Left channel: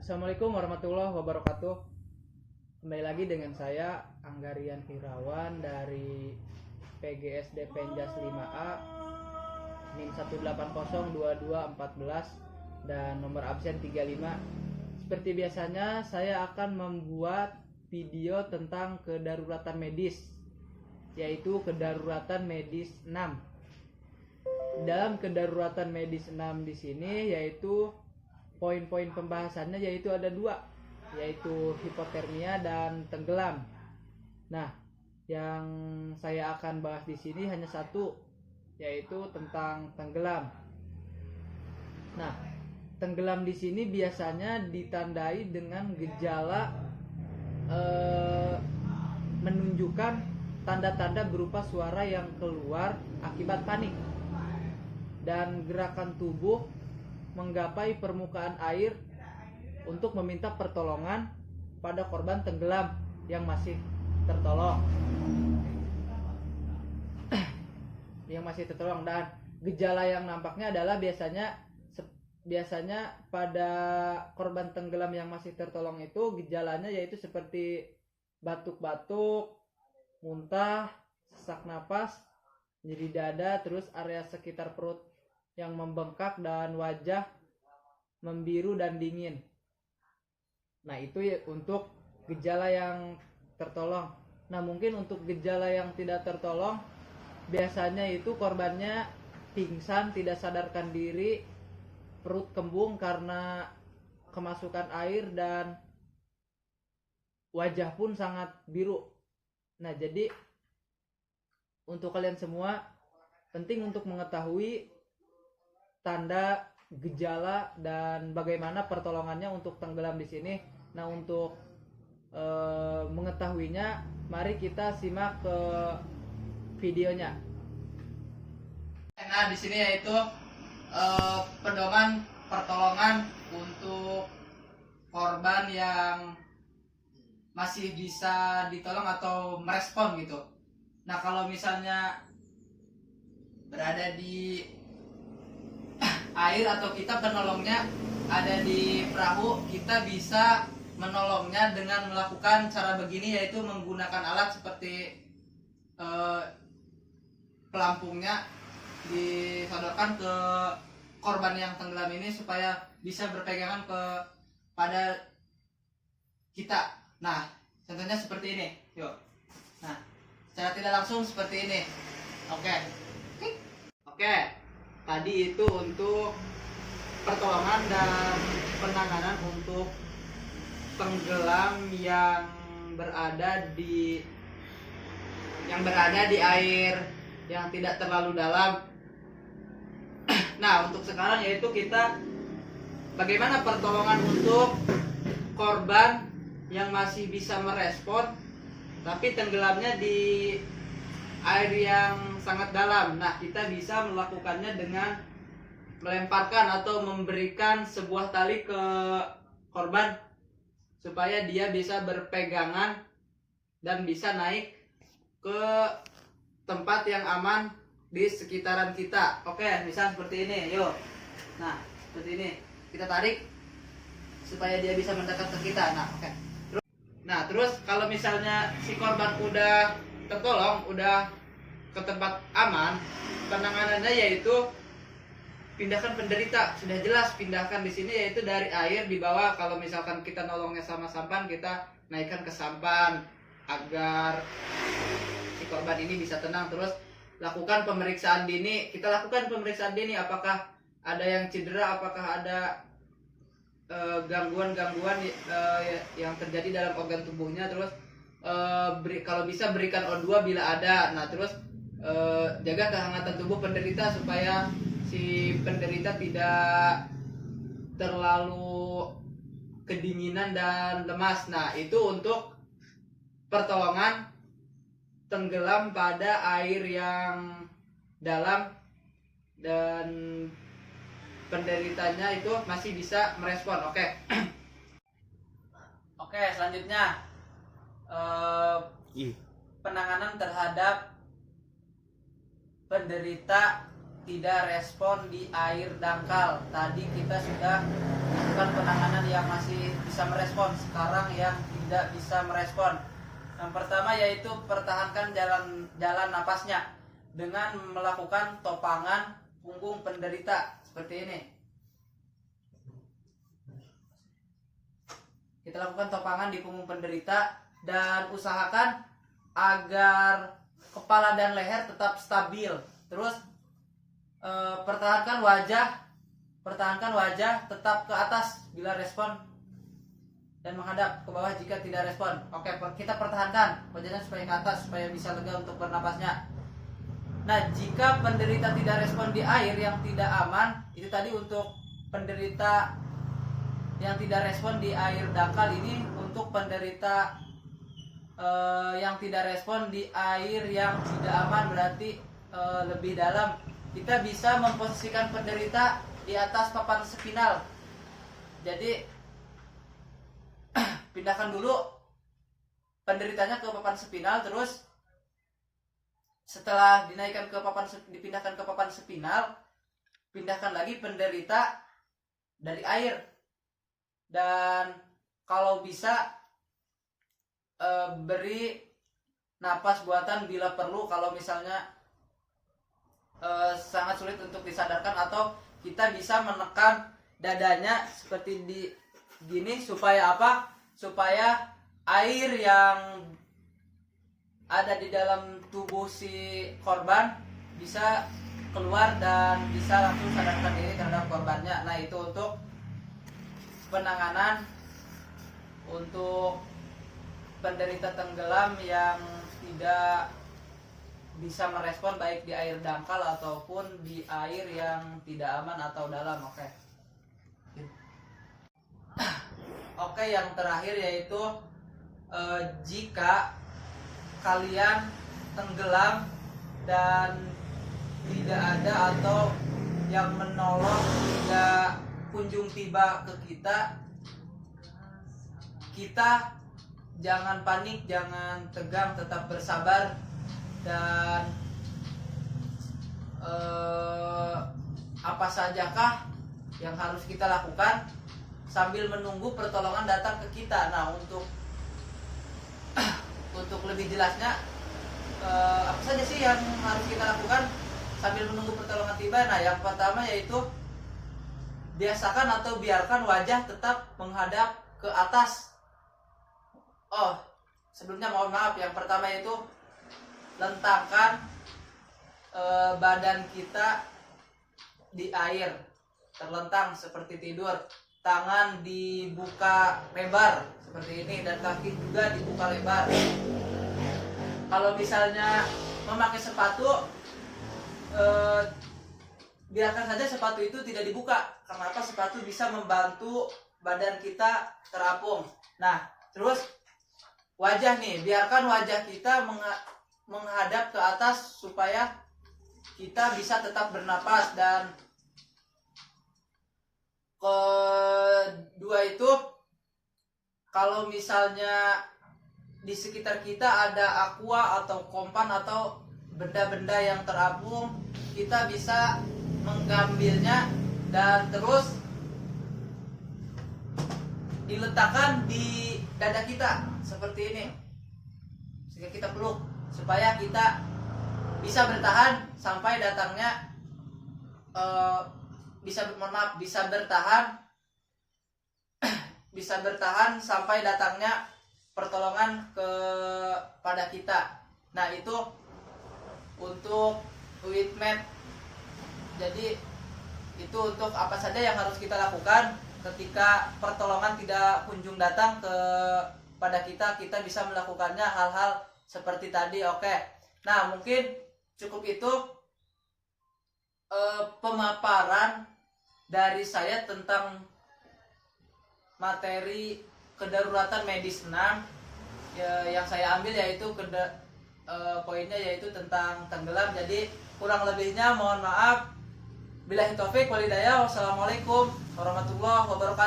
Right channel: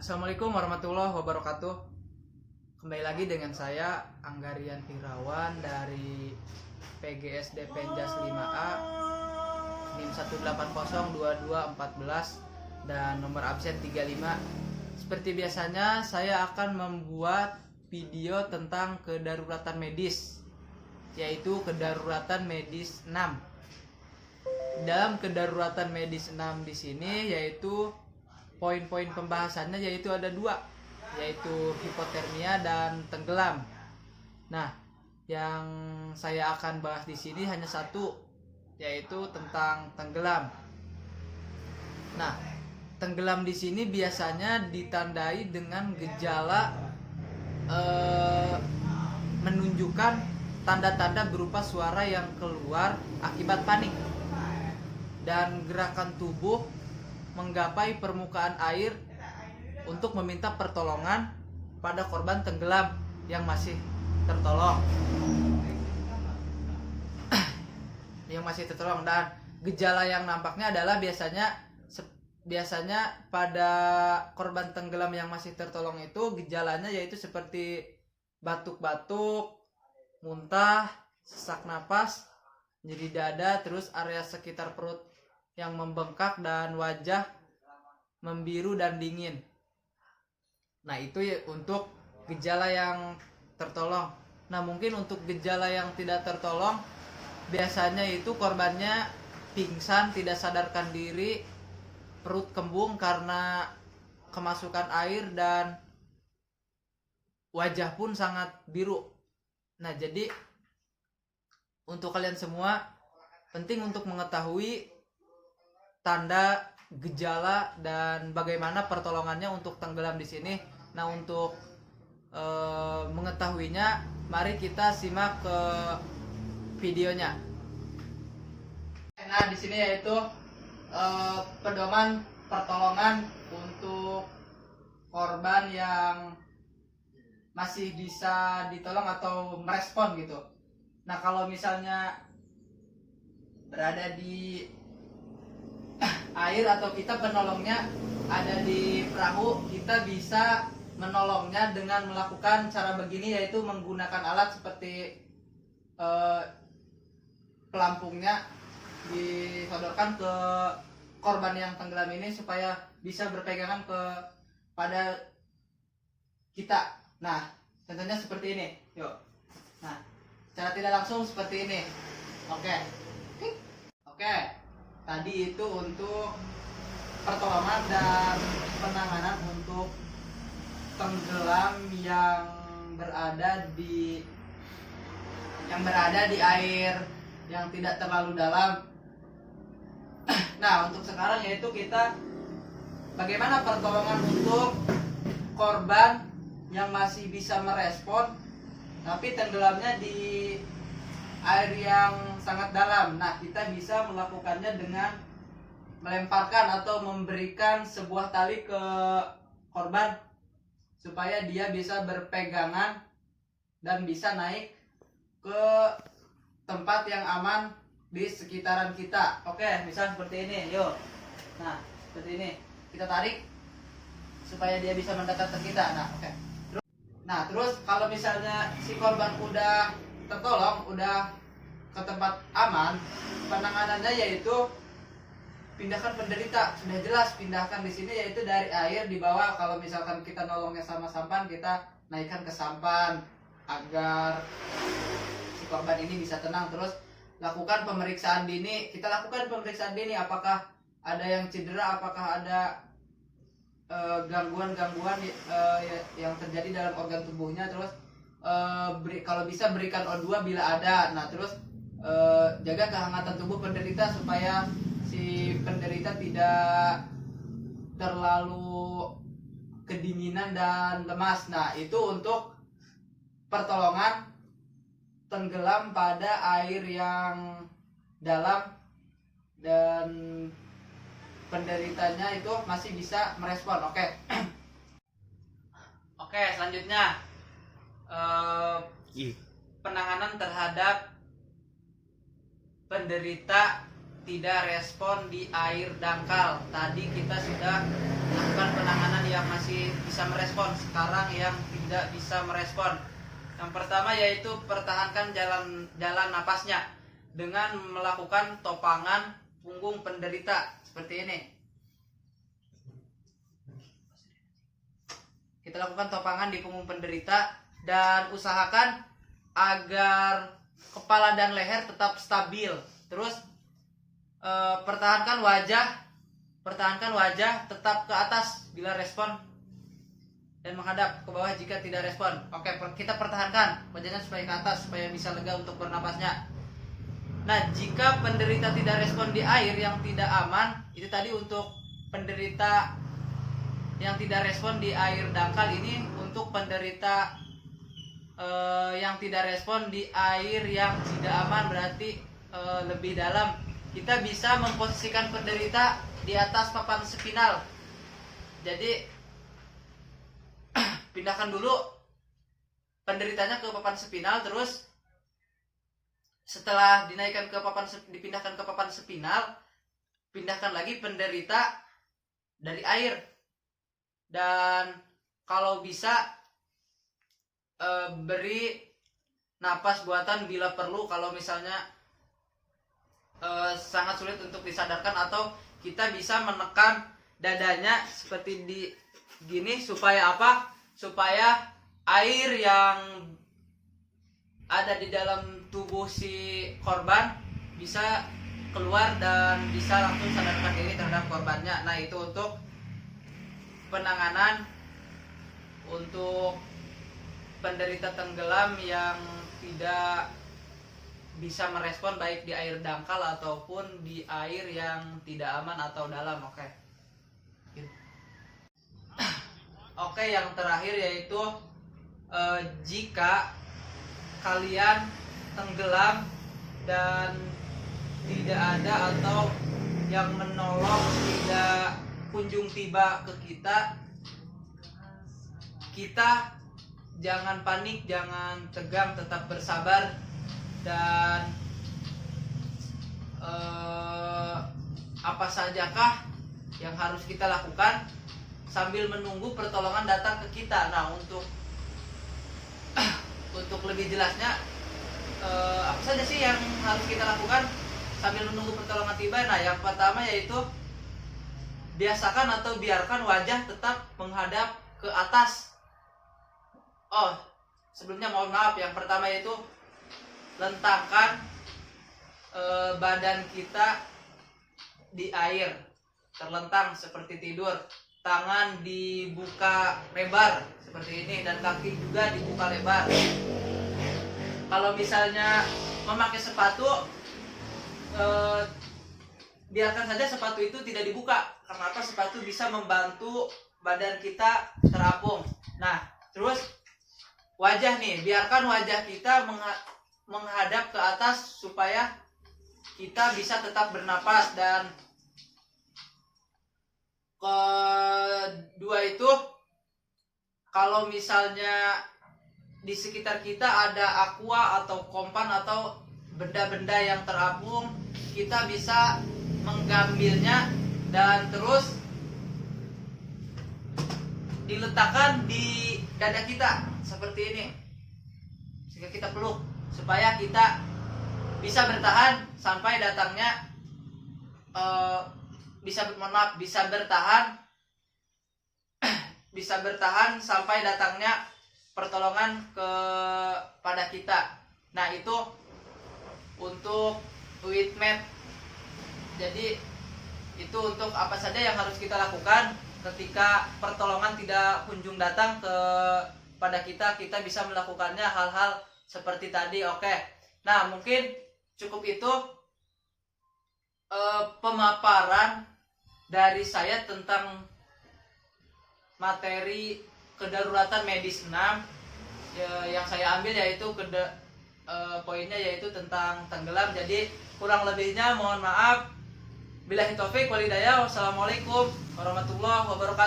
Assalamualaikum warahmatullahi wabarakatuh. Kembali lagi dengan saya Anggarian Irawan dari PGSD Penjas 5A NIM 1802214 dan nomor absen 35. Seperti biasanya saya akan membuat video tentang kedaruratan medis, yaitu kedaruratan medis 6. Dalam kedaruratan medis 6 di sini yaitu poin-poin pembahasannya yaitu ada dua, yaitu hipotermia dan tenggelam. Nah, yang saya akan bahas di sini hanya satu, yaitu tentang tenggelam. Nah, tenggelam di sini biasanya ditandai dengan gejala menunjukkan tanda-tanda berupa suara yang keluar akibat panik dan gerakan tubuh menggapai permukaan air untuk meminta pertolongan pada korban tenggelam yang masih tertolong. Dan gejala yang nampaknya adalah biasanya pada korban tenggelam yang masih tertolong itu gejalanya yaitu seperti batuk-batuk, muntah, sesak napas, nyeri dada, terus area sekitar perut yang membengkak dan wajah membiru dan dingin. Nah, itu ya untuk gejala yang tertolong. Nah, mungkin untuk gejala yang tidak tertolong biasanya itu korbannya pingsan, tidak sadarkan diri, perut kembung karena kemasukan air, dan wajah pun sangat biru. Nah, jadi untuk kalian semua penting untuk mengetahui tanda, gejala, dan bagaimana pertolongannya untuk tenggelam di sini. Nah, untuk mengetahuinya, mari kita simak ke videonya. Nah, di sini yaitu pedoman pertolongan untuk korban yang masih bisa ditolong atau merespon gitu. Nah, kalau misalnya berada di air atau kita penolongnya ada di perahu, kita bisa menolongnya dengan melakukan cara begini, yaitu menggunakan alat seperti pelampungnya disodorkan ke korban yang tenggelam ini supaya bisa berpegangan pada kita. Nah, contohnya seperti ini. Yuk. Nah, secara tidak langsung seperti ini. Oke. Tadi itu untuk pertolongan dan penanganan untuk tenggelam yang berada di air yang tidak terlalu dalam. Nah, untuk sekarang yaitu kita bagaimana pertolongan untuk korban yang masih bisa merespon tapi tenggelamnya di air yang sangat dalam. Nah, kita bisa melakukannya dengan melemparkan atau memberikan sebuah tali ke korban supaya dia bisa berpegangan dan bisa naik ke tempat yang aman di sekitaran kita. Oke, misal seperti ini. Yuk. Nah, seperti ini. Kita tarik supaya dia bisa mendekat ke kita. Nah, oke. Nah, terus kalau misalnya si korban udah tertolong, udah ke tempat aman, penanganannya yaitu pindahkan penderita. Sudah jelas, pindahkan di sini yaitu dari air di bawah. Kalau misalkan kita nolongnya sama sampan, kita naikkan ke sampan agar si korban ini bisa tenang. Terus lakukan pemeriksaan dini. Kita lakukan pemeriksaan dini, apakah ada yang cedera, apakah ada gangguan-gangguan yang terjadi dalam organ tubuhnya. Terus kalau bisa berikan O2 bila ada. Nah, terus jaga kehangatan tubuh penderita supaya si penderita tidak terlalu kedinginan dan lemas. Nah, itu untuk pertolongan tenggelam pada air yang dalam dan penderitanya itu masih bisa merespon. Oke. Oke, selanjutnya penanganan terhadap penderita tidak respon di air dangkal. Tadi kita sudah lakukan penanganan yang masih bisa merespon, sekarang yang tidak bisa merespon. Yang pertama yaitu pertahankan jalan napasnya dengan melakukan topangan punggung penderita seperti ini. Kita lakukan topangan di punggung penderita dan usahakan agar kepala dan leher tetap stabil. Terus pertahankan wajah tetap ke atas bila respon dan menghadap ke bawah jika tidak respon. Oke, kita pertahankan wajahnya supaya ke atas supaya bisa lega untuk bernapasnya. Nah, jika penderita tidak respon di air yang tidak aman, itu tadi untuk penderita yang tidak respon di air dangkal. Ini untuk penderita yang tidak respon di air yang tidak aman, berarti lebih dalam. Kita bisa memposisikan penderita di atas papan spinal. Jadi pindahkan dulu penderitanya ke papan spinal, terus setelah dipindahkan ke papan spinal, pindahkan lagi penderita dari air. Dan kalau bisa beri napas buatan bila perlu, kalau misalnya sangat sulit untuk disadarkan, atau kita bisa menekan dadanya seperti di gini supaya apa? Supaya air yang ada di dalam tubuh si korban bisa keluar dan bisa langsung sadarkan diri terhadap korbannya. Nah, itu untuk penanganan untuk penderita tenggelam yang tidak bisa merespon baik di air dangkal ataupun di air yang tidak aman atau dalam. Oke, yang terakhir yaitu jika kalian tenggelam dan tidak ada atau yang menolong tidak kunjung tiba ke kita jangan panik, jangan tegang, tetap bersabar. Dan apa sajakah yang harus kita lakukan sambil menunggu pertolongan datang ke kita. Nah, untuk lebih jelasnya apa saja sih yang harus kita lakukan sambil menunggu pertolongan tiba? Nah, yang pertama yaitu biasakan atau biarkan wajah tetap menghadap ke atas. Sebelumnya mohon maaf, yang pertama yaitu lentangkan badan kita di air, terlentang seperti tidur. Tangan dibuka lebar seperti ini dan kaki juga dibuka lebar. Kalau misalnya memakai sepatu, biarkan saja sepatu itu tidak dibuka. Karena apa? Sepatu bisa membantu badan kita terapung. Nah, terus wajah nih, biarkan wajah kita menghadap ke atas supaya kita bisa tetap bernapas. Dan kedua itu, kalau misalnya di sekitar kita ada aqua atau kompan atau benda-benda yang terapung, kita bisa mengambilnya dan terus diletakkan di dada kita seperti ini, sehingga kita peluk supaya kita bisa bertahan sampai datangnya bisa bertahan sampai datangnya pertolongan kepada kita. Nah, itu untuk Uitmed. Jadi itu untuk apa saja yang harus kita lakukan ketika pertolongan tidak kunjung datang kepada kita. Kita bisa melakukannya hal-hal seperti tadi. Oke. Nah, mungkin cukup itu pemaparan dari saya tentang materi kedaruratan medis 6 yang saya ambil, yaitu poinnya yaitu tentang tenggelam. Jadi kurang lebihnya mohon maaf. Billahi taufik wal hidayah. Wassalamualaikum warahmatullahi wabarakatuh.